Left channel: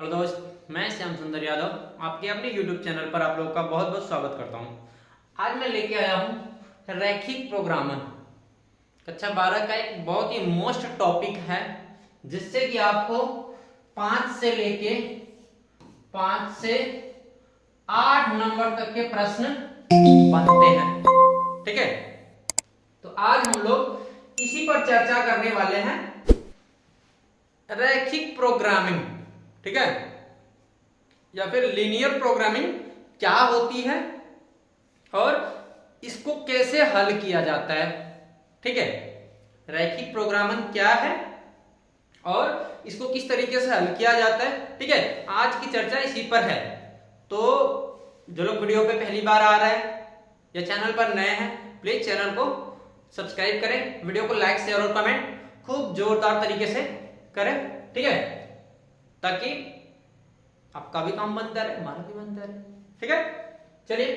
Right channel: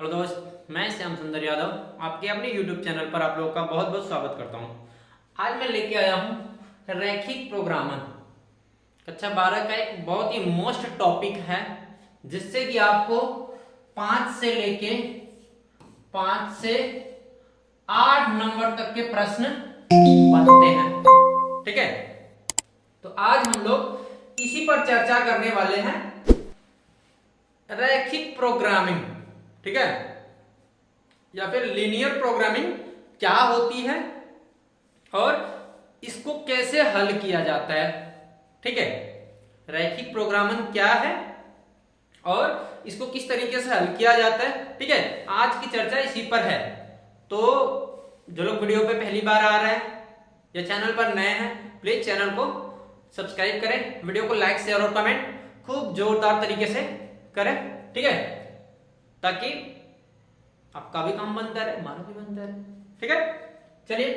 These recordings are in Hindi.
हेलो दोस्त, मैं श्याम सुंदर यादव आपके अपने YouTube चैनल पर आप लोगों का बहुत बहुत स्वागत करता हूं। आज मैं लेके आया हूं रैखिक प्रोग्रामन कक्षा 12 का एक बहुत ही मोस्ट टॉपिक है, जिससे कि आपको 5 से लेके 5 से 8 नंबर तक के प्रश्न बनते हैं। ठीक है, तो आज हम लोग इसी पर चर्चा करने वाले हैं, रैखिक प्रोग्रामिंग। ठीक है, या फिर लीनियर प्रोग्रामिंग क्या होती है और इसको कैसे हल किया जाता है। ठीक है, रैखिक प्रोग्रामिंग क्या है और इसको किस तरीके से हल किया जाता है। ठीक है, आज की चर्चा इसी पर है। तो जो लोग वीडियो पे पहली बार आ रहे हैं या चैनल पर नए हैं, प्लीज चैनल को सब्सक्राइब करें, वीडियो को लाइक शेयर और कमेंट खूब जोरदार तरीके से करें। ठीक है, ताकि आपका भी काम बनता रहे, हमारा भी बनता रहे। ठीक है, चलिए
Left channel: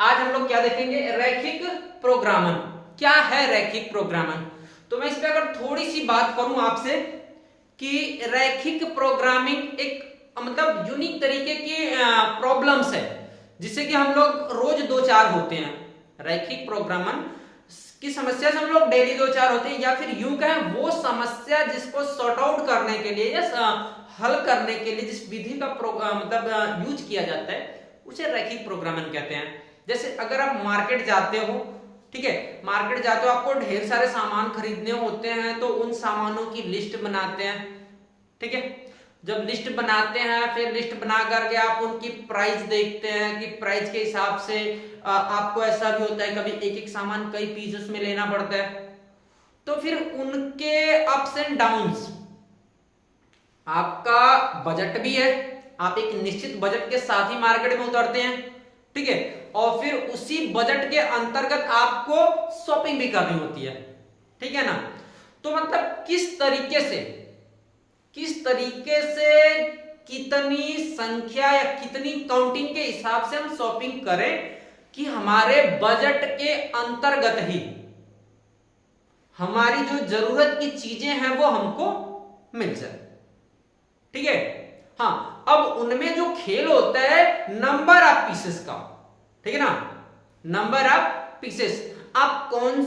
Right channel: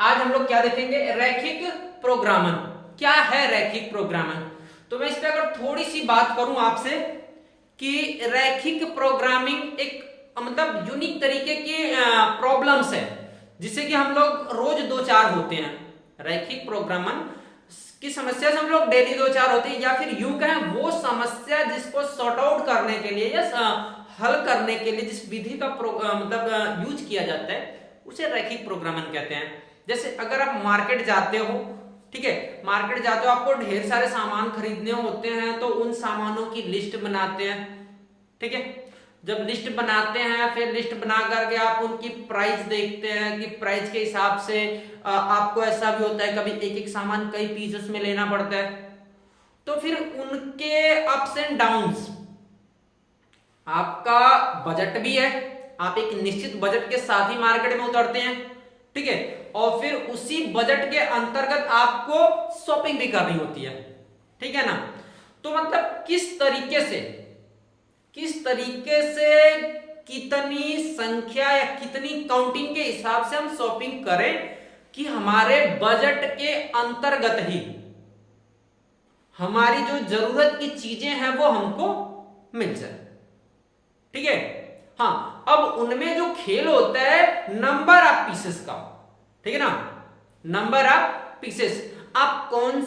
आज हम लोग क्या देखेंगे, रैखिक प्रोग्रामन। क्या है रैखिक प्रोग्रामन? तो मैं इस पर अगर थोड़ी सी बात करूं आपसे कि रैखिक प्रोग्रामिंग एक मतलब यूनिक तरीके की प्रॉब्लम्स है, जिससे कि हम लोग रोज दो चार होते हैं। रैखिक प्रोग्रामन की समस्या से हम लोग डेली दो चार होते हैं, या फिर यूं कहें वो समस्या जिसको सॉर्ट आउट करने के लिए या हल करने के लिए जिस विधि का मतलब यूज किया जाता है, उसे रैखिक प्रोग्रामन कहते हैं। जैसे अगर आप मार्केट जाते हो, ठीक है, मार्केट जाते हो, आपको ढेर सारे सामान खरीदने होते हैं, तो उन सामानों की लिस्ट बनाते हैं। ठीक है, जब लिस्ट बनाते हैं, फिर लिस्ट बना करके आप उनकी प्राइस देखते हैं कि प्राइस के हिसाब से आपको ऐसा भी होता है कभी एक एक सामान कई पीस उसमें लेना पड़ता है, तो फिर उनके अप्स एंड डाउन्स, आपका बजट भी है, आप एक निश्चित बजट के साथ ही मार्केट में उतरते हैं। ठीक है, और फिर उसी बजट के अंतर्गत आपको शॉपिंग भी करनी होती है। ठीक है ना, तो मतलब किस तरीके से कितनी संख्या या कितनी काउंटिंग के हिसाब से हम शॉपिंग करें कि हमारे बजट के अंतर्गत ही हमारी जो जरूरत की चीजें हैं वो हमको मिल जाए। ठीक है, हाँ, अब उनमें जो खेल होता है नंबर ऑफ पीसेस का। ठीक है ना, नंबर ऑफ पीसेस, आप कौन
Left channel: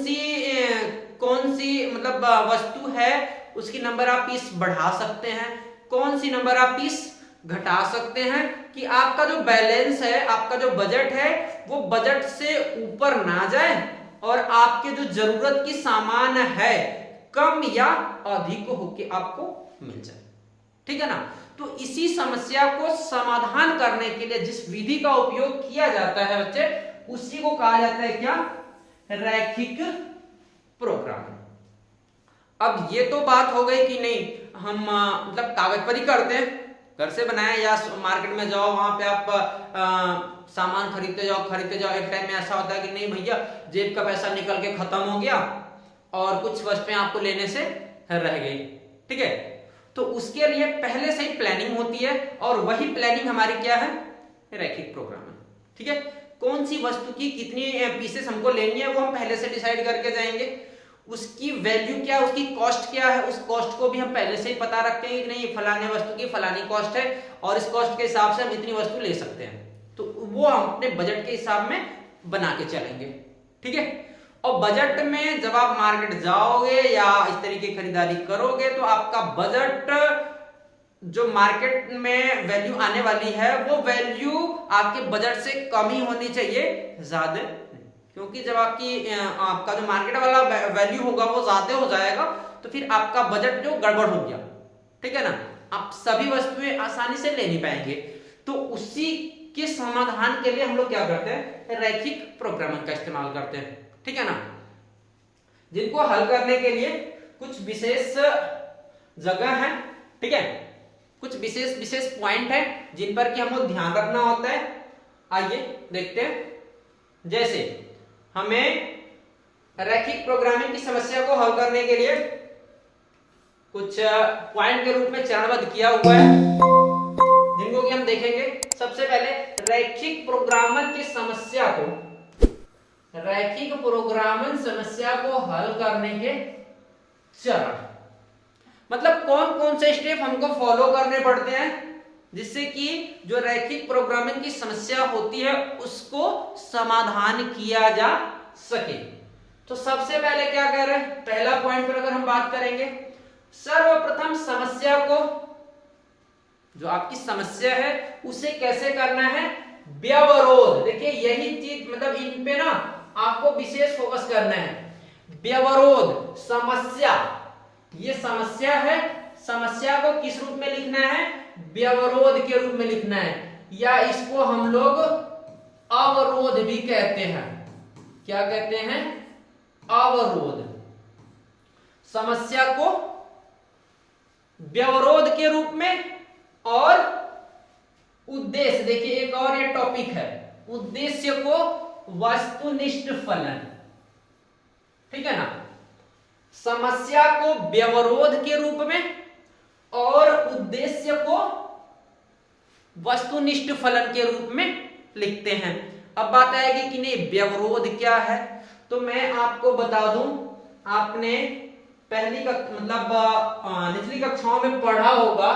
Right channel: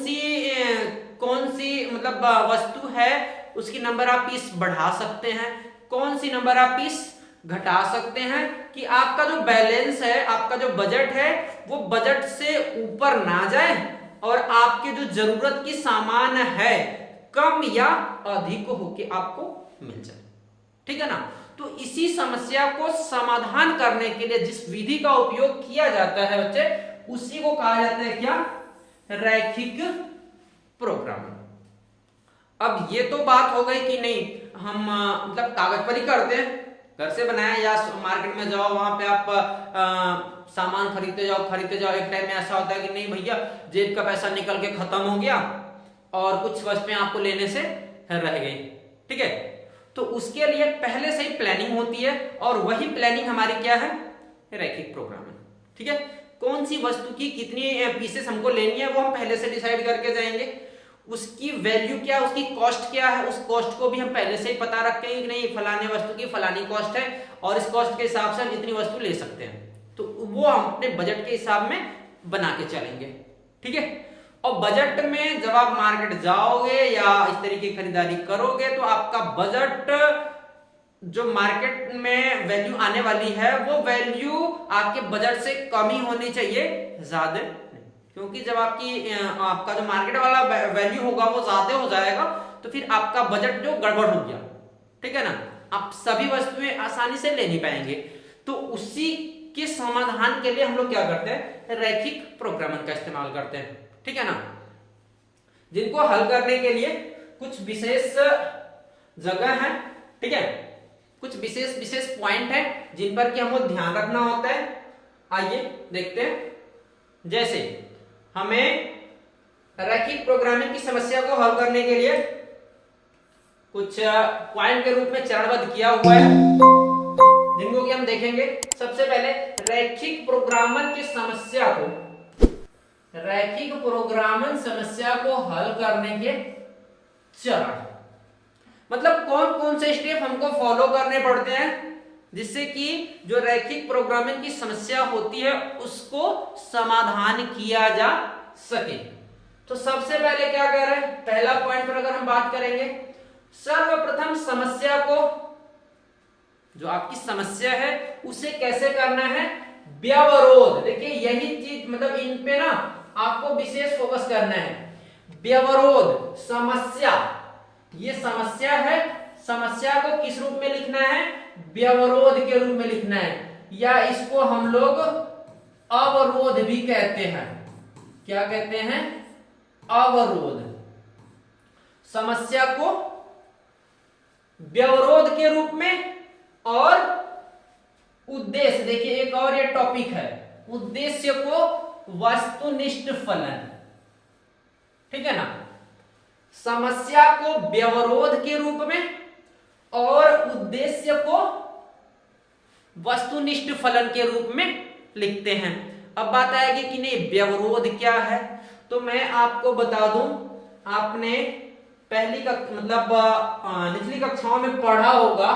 सी मतलब वस्तु है उसकी नंबर ऑफ पीस बढ़ा सकते हैं, कौन सी नंबर ऑफ पीस घटा सकते हैं कि आपका जो बैलेंस है, आपका जो बजट है, वो बजट से ऊपर ना जाए और आपके जो जरूरत की सामान है कम या अधिक होके आपको मिल जाए। ठीक है ना, तो इसी समस्या को समाधान करने के लिए जिस विधि का उपयोग किया जाता है बच्चे, उसी को कहा जाता है क्या, रैखिक प्रोग्रामिंग। अब ये तो बात हो गई कि नहीं हम मतलब कागज पर ही करते हैं, घर से बनाए या मार्केट में जाओ, वहां पे आप सामान खरीदते जाओ। एक टाइम में ऐसा होता है कि नहीं भैया, जेब का पैसा निकल के खत्म हो गया और कुछ वस्तुएं आपको लेने से रह गई। ठीक है, तो उसके लिए पहले से ही प्लानिंग होती है, और वही प्लानिंग हमारी क्या है, रैखिक प्रोग्रामिंग। ठीक है, कौन सी वस्तु की कितनी पीसेस हमको लेनी है वो हम पहले से डिसाइड करके जाएंगे, उसकी वैल्यू क्या, उसकी कॉस्ट क्या है, उस कॉस्ट को भी हम पहले से ही पता रखते हैं कि नहीं फलाने वस्तु की फलानी कॉस्ट है और इस कॉस्ट के हिसाब से हम इतनी वस्तु ले सकते हैं, तो वो हम अपने बजट के हिसाब में बना के चलेंगे। ठीक है, और बजट में जब आप मार्केट जाओगे या इस तरीके की खरीदारी करोगे, तो आपका बजट जो मार्केट में वैल्यू आने वाली है, वो वैल्यू आपके बजट से कम ही होनी चाहिए, ज्यादा नहीं। क्योंकि जब आपका जो मार्केट वाला वैल्यू होगा वो ज्यादा हो जाएगा, तो फिर आपका बजट जो गड़बड़ हो गया। ठीक है ना, आप सभी वस्तुएं आसानी से ले नहीं पाएंगे। तो उसी के समाधान के लिए हम लोग क्या करते हैं, रैखिक प्रोग्रामिंग का इस्तेमाल करते हैं। ठीक है ना, जिनको हल करने के लिए कुछ विशेष जगह है। ठीक है, कुछ विशेष पॉइंट है जिन पर कि हमको ध्यान रखना होता है। आइए देखते हैं। जैसे हमें रैखिक प्रोग्रामिंग की समस्या को हल करने के लिए कुछ पॉइंट के रूप में चरणबद्ध किया हुआ है, जिनको कि हम देखेंगे। सबसे पहले रैखिक प्रोग्रामन की समस्या को, रैखिक प्रोग्रामन समस्या को हल करने के चरण, मतलब कौन कौन से स्टेप हमको फॉलो करने पड़ते हैं जिससे कि जो रैखिक प्रोग्रामिंग की समस्या होती है उसको समाधान किया जा सके। तो सबसे पहले क्या कर रहे हैं, पहला पॉइंट पर अगर हम बात करेंगे, सर्वप्रथम समस्या को, जो आपकी समस्या है उसे कैसे करना है, व्यवरोध। देखिए यही चीज मतलब इन पे ना आपको विशेष फोकस करना है। व्यवरोध समस्या, ये समस्या है, समस्या को किस रूप में लिखना है, व्यवरोध के रूप में लिखना है, या इसको हम लोग अवरोध भी कहते हैं। क्या कहते हैं, अवरोध। समस्या को व्यवरोध के रूप में, और उद्देश्य, देखिए एक और ये टॉपिक है, उद्देश्य को वस्तुनिष्ठ फलन। ठीक है ना, समस्या को व्यवरोध के रूप में और उद्देश्य को वस्तुनिष्ठ फलन के रूप में लिखते हैं। अब बात आएगी कि नहीं व्यवरोध क्या है, तो मैं आपको बता दूं, आपने पहली मतलब निचली कक्षाओं में पढ़ा होगा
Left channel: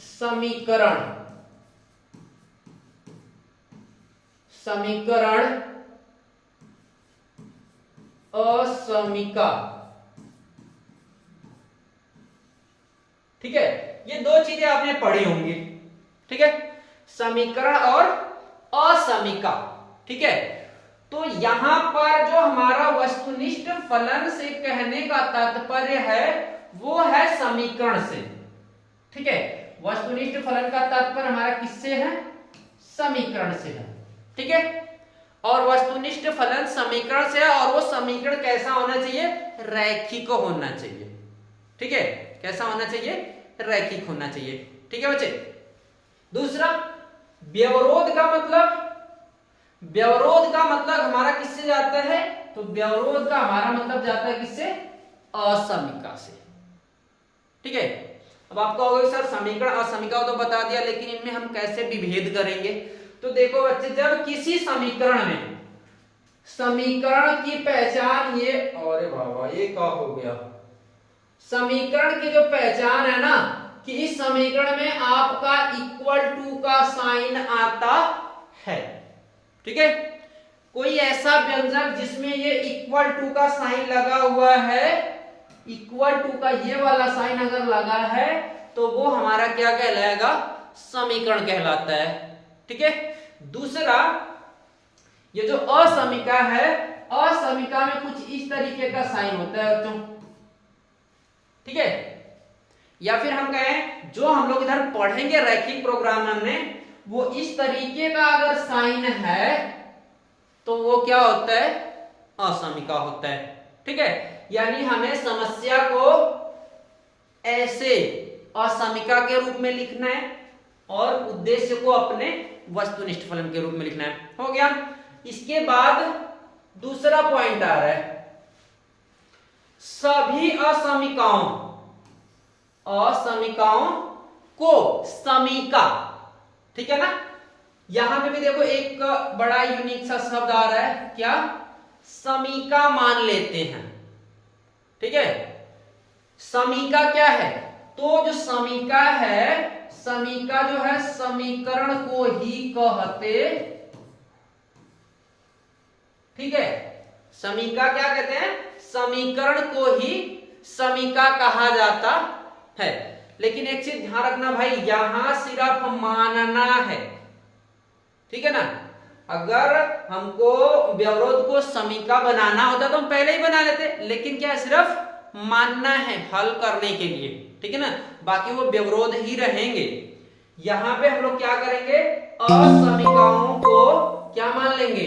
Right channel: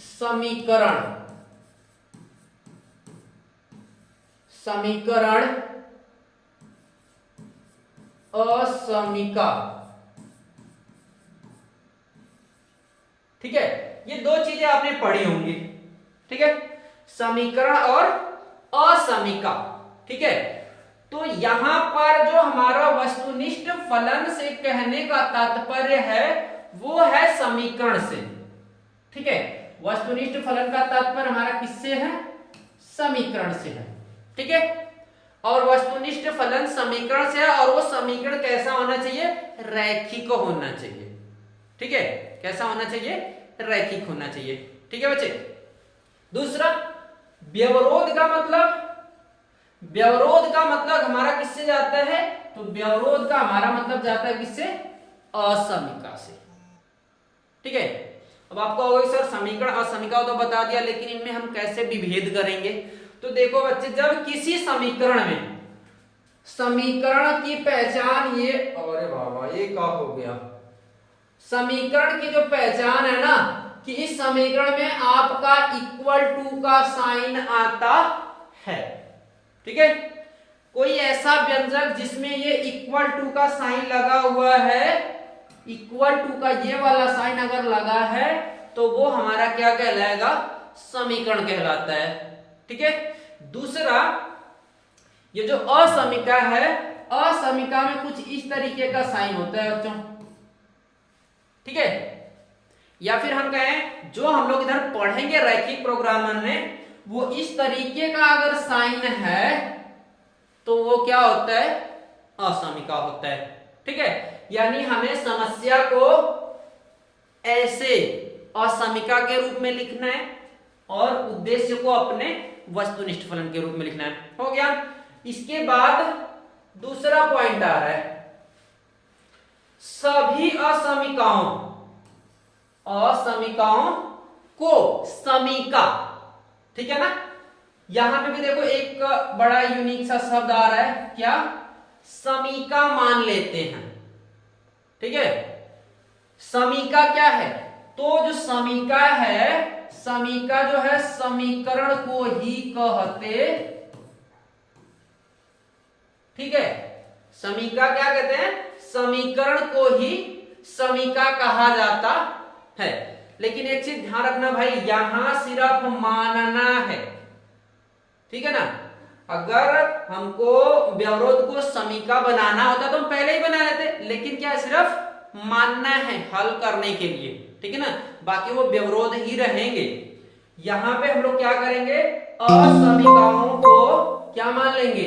समीकरण, समीकरण असमीका। ठीक है, ये दो चीजें आपने पढ़ी होंगी। ठीक है, समीकरण और असमीका। ठीक है, तो यहां पर जो हमारा वस्तुनिष्ठ फलन से कहने का तात्पर्य है वो है समीकरण से। ठीक है, वस्तुनिष्ठ फलन का तात्पर्य हमारा किससे है, समीकरण से है। ठीक है, और वस्तुनिष्ठ फलन समीकरण से है, और वो समीकरण कैसा होना चाहिए, रैखिक होना चाहिए। ठीक है, कैसा होना चाहिए, रैखिक होना चाहिए। ठीक है बच्चे। दूसरा, व्यवरोध का मतलब, व्यवरोध का मतलब हमारा किससे जाता है, तो व्यवरोध का हमारा मतलब जाता है किससे, असमीका से। ठीक है, अब आपको होगा सर समीकरण असमीका तो बता दिया, लेकिन इनमें हम कैसे विभेद करेंगे। तो देखो बच्चे, जब किसी समीकरण में, समीकरण की पहचान ये, अरे बाबा ये क्या हो गया, समीकरण की जो पहचान है ना कि इस समीकरण में आपका इक्वल टू का साइन आता है। ठीक है, कोई ऐसा व्यंजक जिसमें ये इक्वल टू का साइन लगा हुआ है, इक्वल टू का ये वाला साइन अगर लगा है तो वो हमारा क्या कहलाएगा, समीकरण कहलाता है। ठीक है, दूसरा, ये जो असमीका है, असमीका में कुछ इस तरीके का साइन होता है बच्चों। ठीक है, या फिर हम कहें जो हम लोग इधर पढ़ेंगे रैखिक प्रोग्रामर में, वो इस तरीके का अगर साइन है तो वो क्या होता है, असमीका होता है। ठीक है, यानी हमें समस्या को ऐसे असमीका के रूप में लिखना है और उद्देश्य को अपने वस्तुनिष्ठ फलन के रूप में लिखना है। हो गया। इसके बाद दूसरा पॉइंट आ रहा है, सभी असमीकाओं, असमीकाओं को समीका। ठीक है ना, यहां पे भी देखो एक बड़ा यूनिक सा शब्द आ रहा है, क्या, समीका मान लेते हैं। ठीक है, समीका क्या है, तो जो समीका है, समीका जो है समीकरण को ही कहते। ठीक है, समीका क्या कहते हैं, समीकरण को ही समीका कहा जाता है। लेकिन एक चीज ध्यान रखना भाई, यहां सिर्फ मानना है। ठीक है ना, अगर हमको व्यवरोध को समीका बनाना होता तो हम पहले ही बना लेते, लेकिन क्या सिर्फ मानना है हल करने के लिए। ठीक है ना, बाकी वो व्यवरोध ही रहेंगे। यहां पे हम लोग क्या करेंगे, असमीकाओं को क्या मान लेंगे,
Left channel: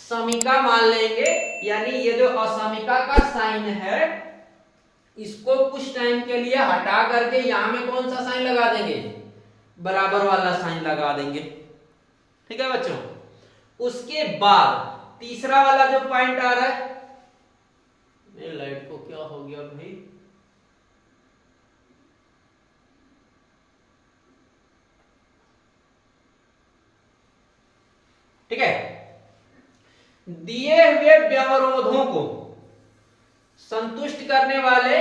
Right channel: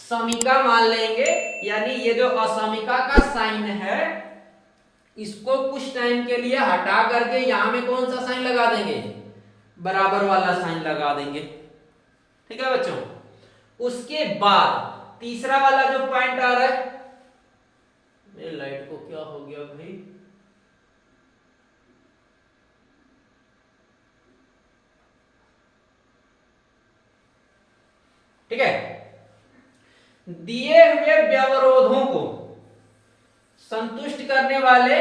समीका मान लेंगे। यानी ये जो असमीका का साइन है इसको कुछ टाइम के लिए हटा करके यहां में कौन सा साइन लगा देंगे, बराबर वाला साइन लगा देंगे। ठीक है बच्चों, उसके बाद तीसरा वाला जो पॉइंट आ रहा है, मेरे लाइट को क्या हो गया भाई, ठीक है, दिए हुए व्यवरोधों को संतुष्ट करने वाले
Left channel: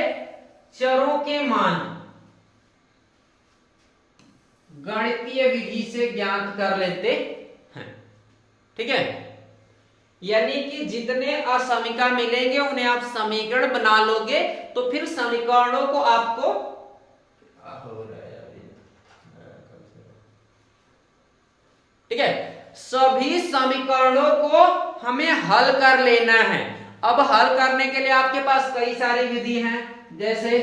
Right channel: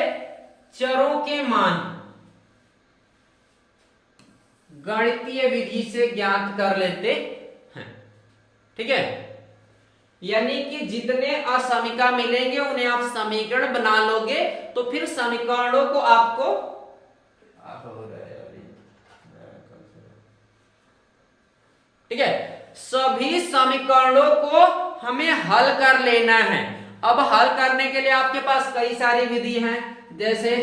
चरों के मान, गणितीय विधि से ज्ञात कर लेते हैं। ठीक है, यानी कि जितने असमीका मिलेंगे उन्हें आप समीकरण बना लोगे, तो फिर समीकरणों को आपको ठीक है, सभी समीकरणों को हमें हल कर लेना है। अब हल करने के लिए आपके पास कई सारी विधि हैं, जैसे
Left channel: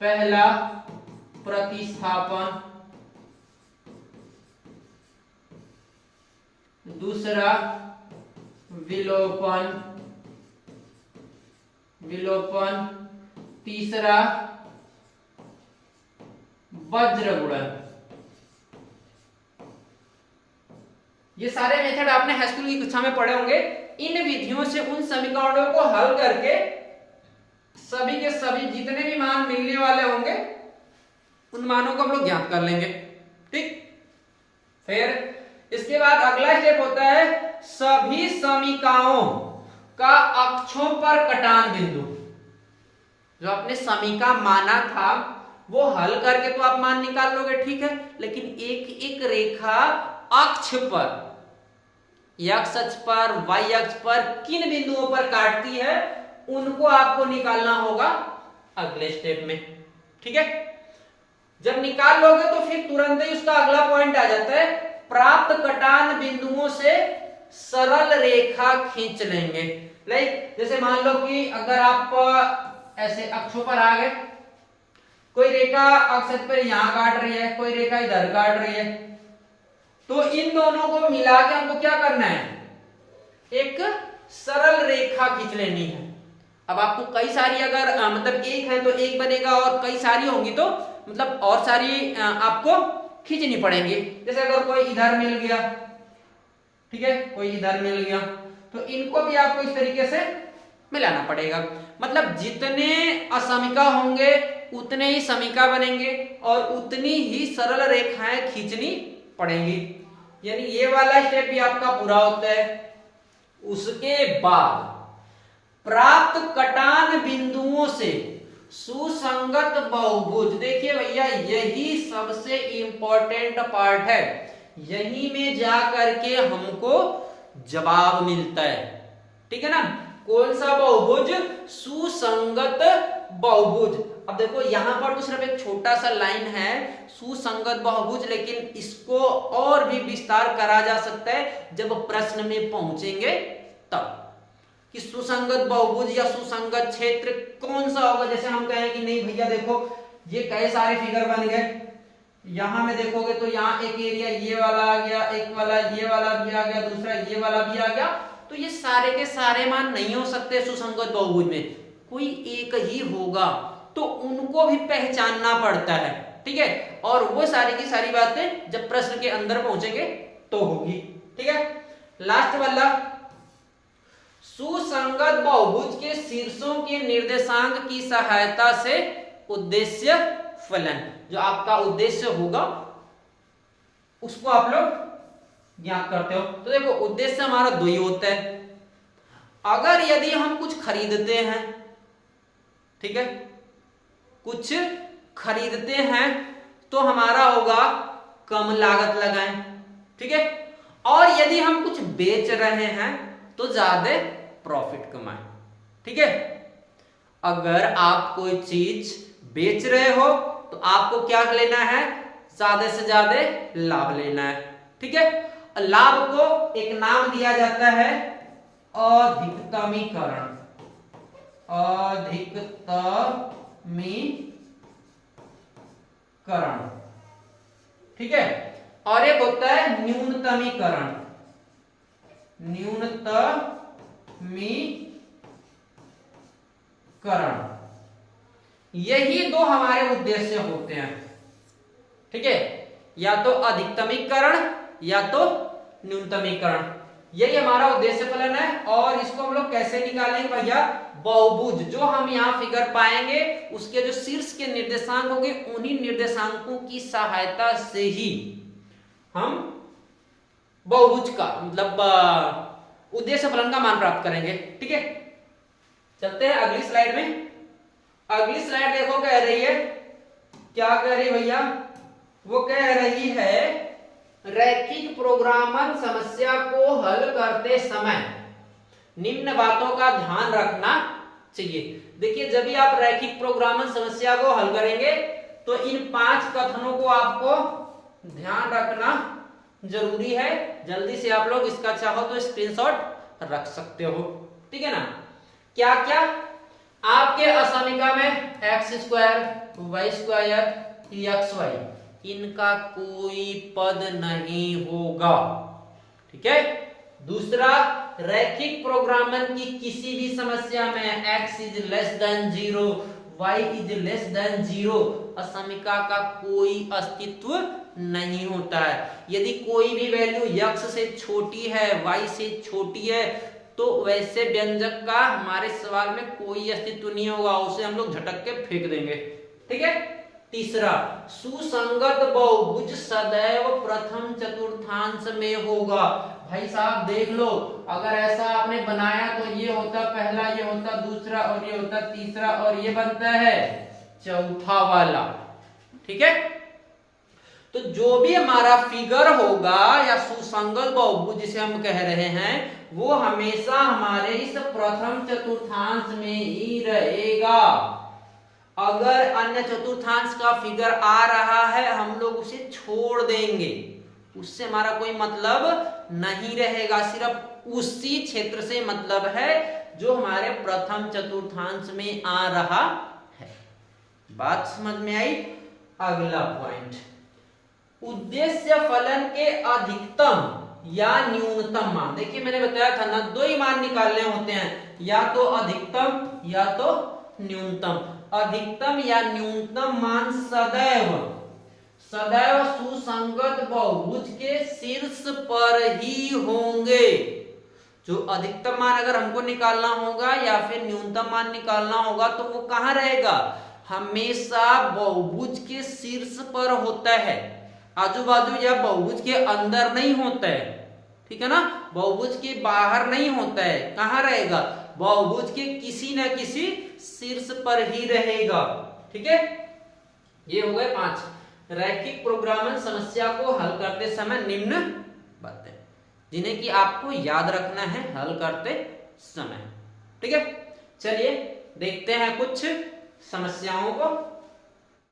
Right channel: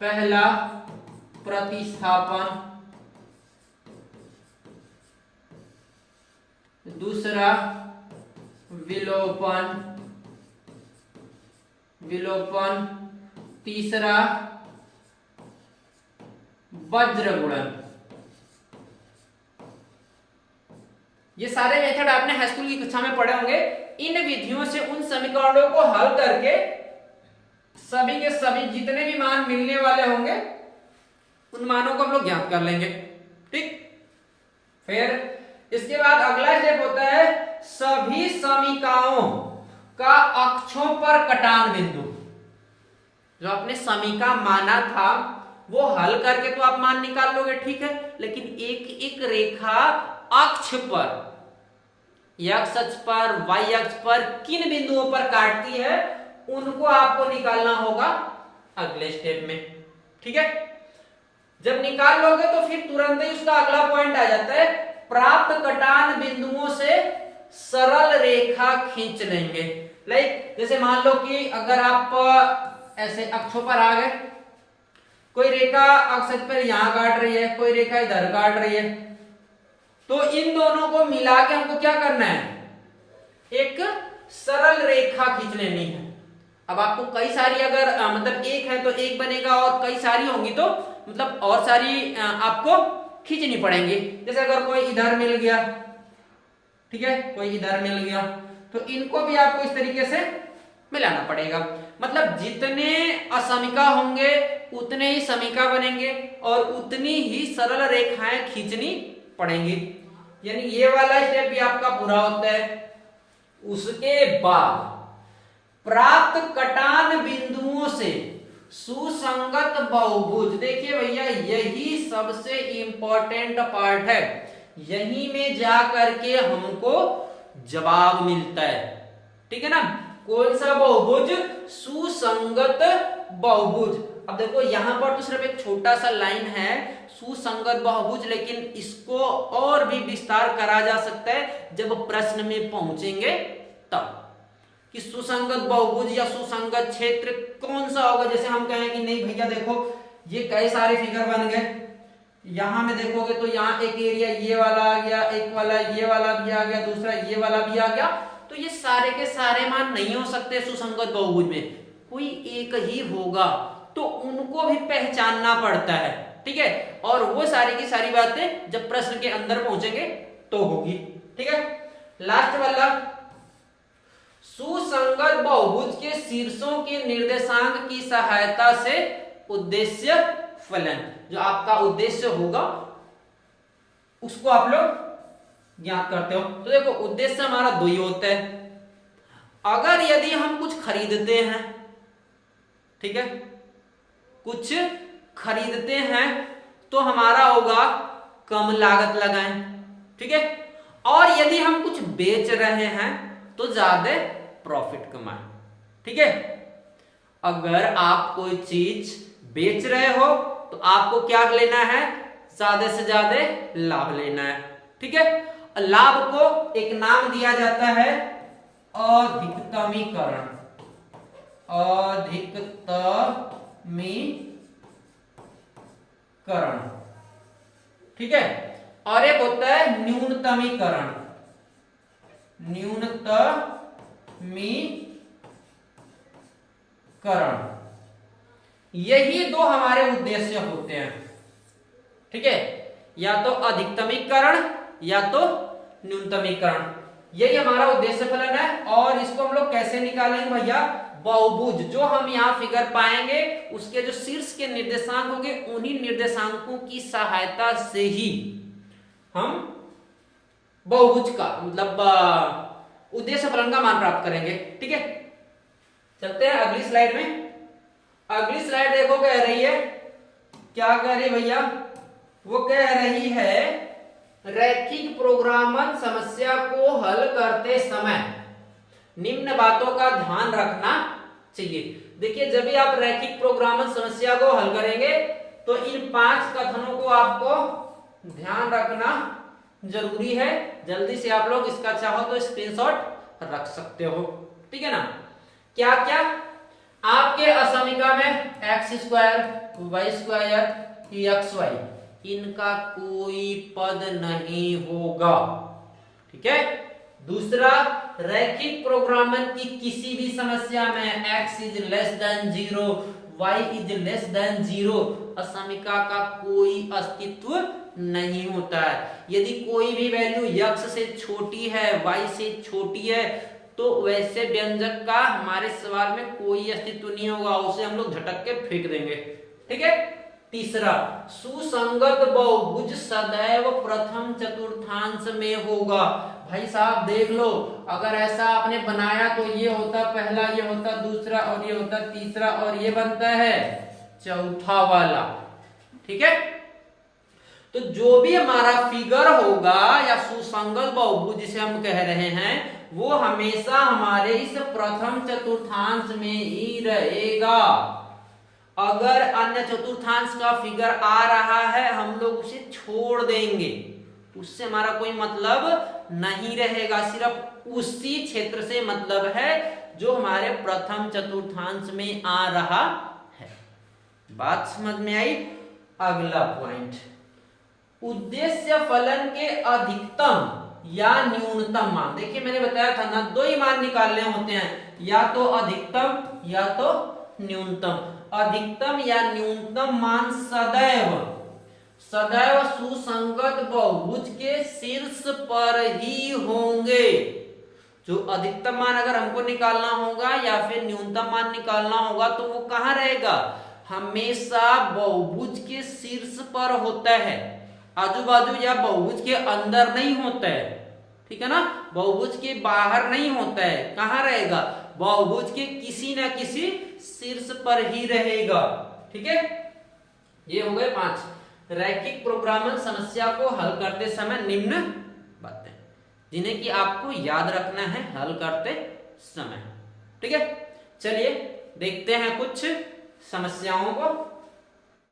पहला प्रतिस्थापन, दूसरा विलोपन, तीसरा वज्र गुणन। ये सारे मेथड आपने हाई स्कूल की कक्षा में पढ़े होंगे। इन विधियों से उन समीकरणों को हल करके सभी के सभी जितने भी मान मिलने वाले होंगे उन मानों को हम लोग ज्ञात कर लेंगे। ठीक, फिर इसके बाद अगला स्टेप होता है सभी समीकाओं का अक्षों पर कटान बिंदु। जो आपने समीका माना था वो हल करके तो आप मान निकाल लोगे, ठीक है, लेकिन एक एक रेखा अक्ष पर, एक्स अक्ष पर, वाई अक्ष पर किन बिंदुओं पर काटती है उनको आपको निकालना होगा अगले स्टेप में। ठीक है, जब निकाल लोगे तो फिर तुरंत ही उसका अगला पॉइंट आ जाता है, प्राप्त कटान बिंदुओं से सरल रेखा खींच लेंगे। लाइक जैसे मान लो कि अगर आप ऐसे अक्षों पर आ गए, कोई रेखा अक्ष पर यहां काट रही है, कोई रेखा इधर काट रही है, तो इन दोनों को मिला के हमको क्या करना है, एक सरल रेखा खींच लेनी है। अब आपको कई सारी अगर मतलब एक है तो एक बनेगा, और कई सारी होंगी तो मतलब और सारी आपको खींचनी पड़ेंगी। जैसे अगर कोई इधर मिल गया, ठीक है, कोई इधर मिल गया, तो इनको भी आपको इस तरीके से मिलाना पड़ेगा। मतलब जितने असमीका होंगे उतने ही समीका बनेंगे और उतनी ही सरल रेखाएं खींचनी पड़ेंगी। यानी ये वाला स्टेप भी आपका पूरा होता है। उसके बाद प्राप्त कटान बिंदुओं से सुसंगत बहुभुज, देखिए भैया यही सबसे इंपॉर्टेंट पार्ट है, यहीं में जा करके हमको जवाब मिलता है। ठीक है ना, कौन सा बहुभुज, सुसंगत बहुभुज। अब देखो यहां पर तो सिर्फ एक छोटा सा लाइन है सुसंगत बहुभुज, लेकिन इसको और भी विस्तार करा जा सकता है जब प्रश्न में पहुंचेंगे तब, कि सुसंगत बहुभुज या सुसंगत क्षेत्र कौन सा होगा। जैसे हम कहें कि नहीं भैया देखो ये कई सारे फिगर बन गए, यहां में देखोगे तो यहाँ एक एरिया ये वाला आ गया, एक वाला ये वाला भी आ गया, दूसरा ये वाला भी आ गया, तो ये सारे के सारे मान नहीं हो सकते सुसंगत बहुभुज में, कोई एक ही होगा, तो उनको भी पहचानना पड़ता है। ठीक है, और वो सारी की सारी बातें जब प्रश्न के अंदर पहुंचेंगे तो होगी। ठीक है, लास्ट वाला सुसंगत बहुभुज के शीर्षों के निर्देशांक की सहायता से उद्देश्य फलन, जो आपका उद्देश्य होगा उसको आप लोग ज्ञात करते हो। तो देखो उद्देश्य हमारा दो ही होता है। अगर यदि हम कुछ खरीदते हैं, ठीक है, कुछ खरीदते हैं तो हमारा होगा कम लागत लगाएं, ठीक है, और यदि हम कुछ बेच रहे हैं तो ज्यादा प्रॉफिट कमाएं। ठीक है, अगर आप कोई चीज बेच रहे हो तो आपको क्या लेना है, ज्यादा से ज्यादा लाभ लेना है। ठीक है, लाभ को एक नाम दिया जाता है अधिकतमीकरण, अधिकतमीकरण। ठीक है, और एक होता है न्यूनतमीकरण, न्यूनतमीकरण। यही दो हमारे उद्देश्य होते हैं। ठीक है, या तो अधिकतमीकरण या तो न्यूनतमीकरण, यही हमारा उद्देश्य फलन है। और इसको हम लोग कैसे निकालेंगे भैया, बहुभुज जो हम यहाँ फिगर पाएंगे उसके जो शीर्ष के निर्देशांक होंगे उन्हीं निर्देशांकों की सहायता से ही हम बहुभुज का मतलब उद्देश्य फलन का मान प्राप्त करेंगे। ठीक है, चलते हैं अगली स्लाइड में। अगली स्लाइड देखो कह रही है, क्या कह रही है भैया, वो कह रही है रैखिक प्रोग्रामन समस्या को हल करते समय निम्न बातों का ध्यान रखना चाहिए। देखिए, जब भी आप रैखिक प्रोग्रामन समस्या को हल करेंगे तो इन 5 कथनों को आपको ध्यान रखना जरूरी है। जल्दी से आप लोग इसका चाहो तो स्क्रीनशॉट रख सकते हो, ठीक है ना। क्या क्या आपके असमीका में x², y² xy इनका कोई पद नहीं होगा, ठीक है। दूसरा, रैखिक प्रोग्रामन की किसी भी समस्या में x is less than 0, y is less than 0 असमीका का कोई अस्तित्व नहीं होता है। यदि कोई भी वैल्यू x से छोटी है, y से छोटी है, तो वैसे व्यंजक का हमारे सवाल में कोई अस्तित्व नहीं होगा, उसे हम लोग झटक के फेंक देंगे, ठीक है। तीसरा, सुसंगत बहुभुज सदैव प्रथम चतुर्थांश में होगा। भाई साहब देख लो, अगर ऐसा आपने बनाया तो ये होता पहला, ये होता दूसरा, और ये होता तीसरा, और ये बनता है चौथा वाला, ठीक है। तो जो भी हमारा फिगर होगा या सुसंगत बहुभुज जिसे हम कह रहे हैं, वो हमेशा हमारे इस प्रथम चतुर्थांश में ही रहेगा। अगर अन्य चतुर्थांश का फिगर आ रहा है, हम लोग उसे छोड़ देंगे, उससे हमारा कोई मतलब नहीं रहेगा। सिर्फ उसी क्षेत्र से मतलब है जो हमारे प्रथम चतुर्थांश में आ रहा है। बात समझ में आई। अगला पॉइंट, उद्देश्य फलन के अधिकतम या न्यूनतम मान। देखिए, मैंने बताया था ना, 2 ही मान निकालने होते हैं, या तो अधिकतम या तो न्यूनतम। अधिकतम या न्यूनतम मान सदैव सुसंगत बहुभुज के शीर्ष पर ही होंगे। जो अधिकतम मान अगर हमको निकालना होगा या फिर न्यूनतम मान निकालना होगा, तो वो कहां रहेगा? हमेशा बहुभुज के शीर्ष पर होता है, आजू बाजू या बहुभुज के अंदर नहीं होता है, ठीक है ना। बहुभुज के बाहर नहीं होता है, कहां रहेगा? बहुभुज के किसी न किसी शीर्ष पर ही रहेगा, ठीक है। ये हो गए 5 रैखिक प्रोग्रामन समस्या को हल करते समय निम्न बातें, जिन्हें कि आपको याद रखना है हल करते समय, ठीक है। चलिए देखते हैं कुछ समस्याओं को।